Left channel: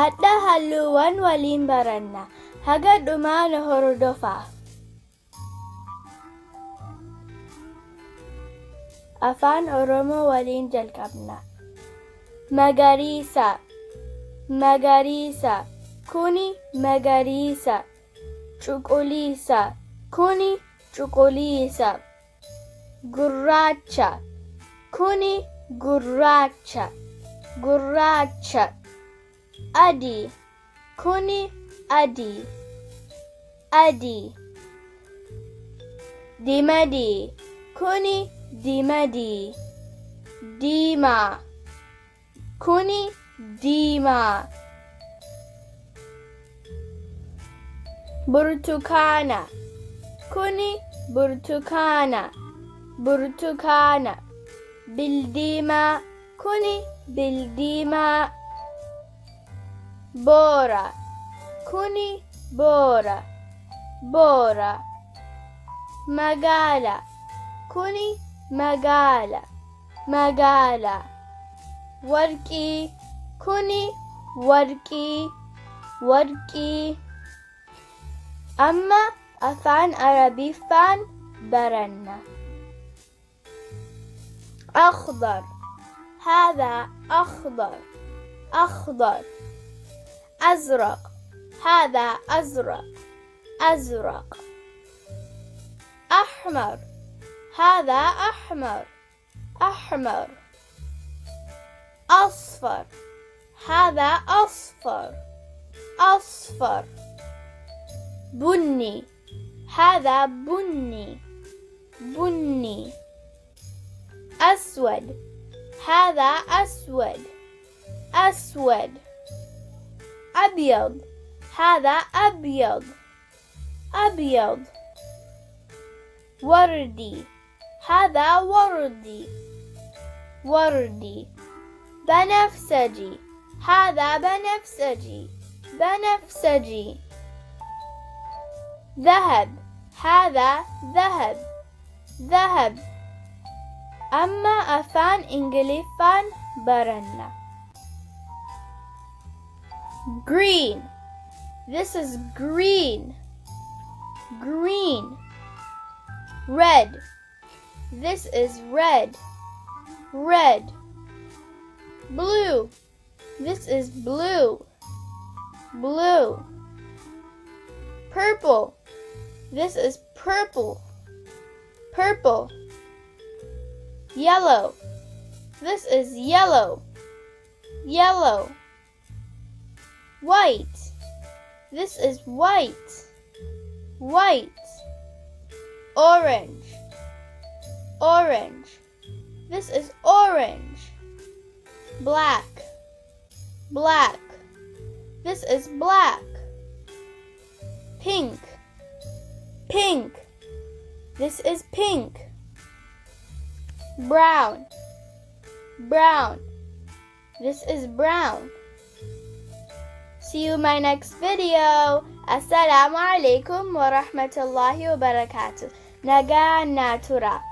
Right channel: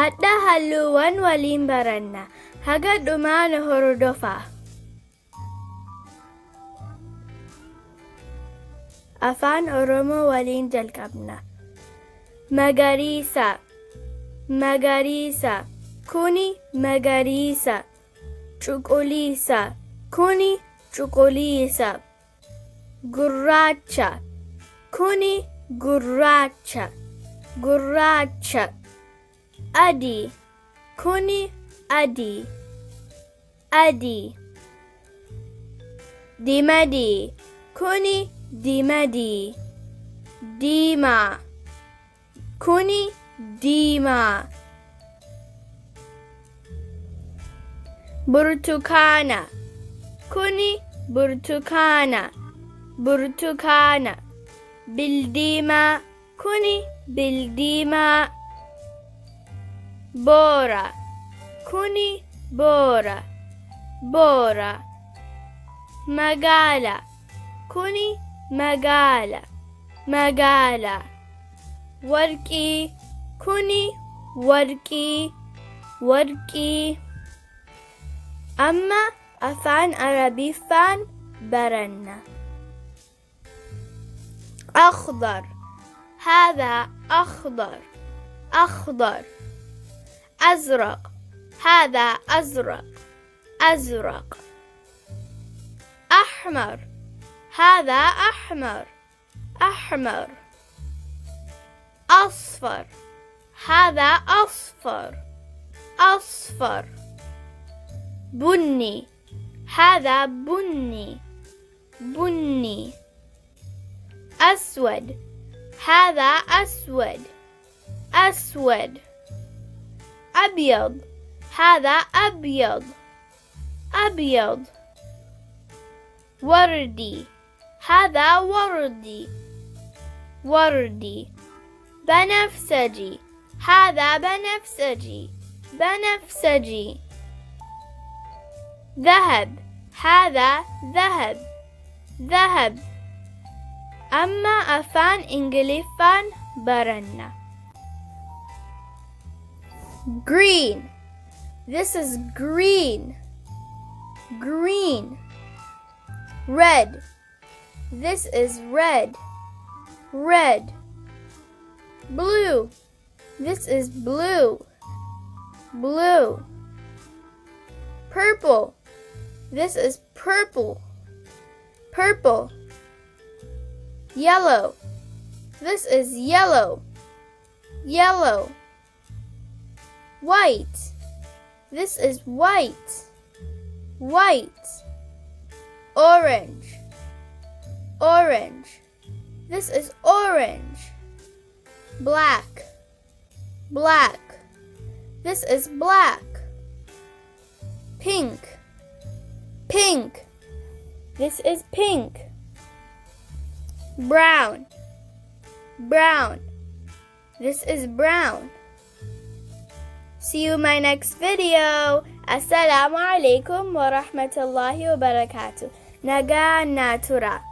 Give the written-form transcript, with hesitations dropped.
Hadda halluuwwan waliin baranna. Haga dhumaa nu hordofaa. Afaan Oromoo waliin jalqabna. Magariisa, magariisa, kuni magariisa. Cuquliisa, kuni cuquliisa. Gurraacha, kuni gurraacha. Gurraacha. Adii, kuni adii. Adii. Dimadii, kuni dimadii. Diimaa, kuni diimaa. Burtukaana, kuni burtukaana. Burtukaana. Bildiimaa, kuni bildiimaa. Boora, kuni boora. Boora. Magaala, kuni magaala. Magaala. Warqii, kuni warqii. Warqii. Amma afaan Arabiffaan baranna. أخضر, هذا أخضر. أخضر. أزرق, هذا أزرق. أزرق. أحمر, هذا أحمر. أحمر. أصفر, هذا أصفر. أصفر. بني, هذا بني. بني. أسود, هذا أسود. أسود. أبيض, هذا أبيض. أبيض. وردي, هذا وردي. وردي. بنفسجي, هذا بنفسجي. بنفسجي. ذهب, هذا ذهب. ذهب. أما أفان إنجليفان baranna. Green, this is green. Green. Red, this is red. Red. Blue, this is blue. Blue. Purple, this is purple. Purple. Yellow, this is yellow. Yellow. White, this is white. White. Orange. Orange, this is orange. Black. Black, this is black. Pink. Pink, this is pink. Brown. Brown, this is brown. See you in my next video. Assalamu alaikum wa rahmatullahi wa barakatuh. Nagaa natura.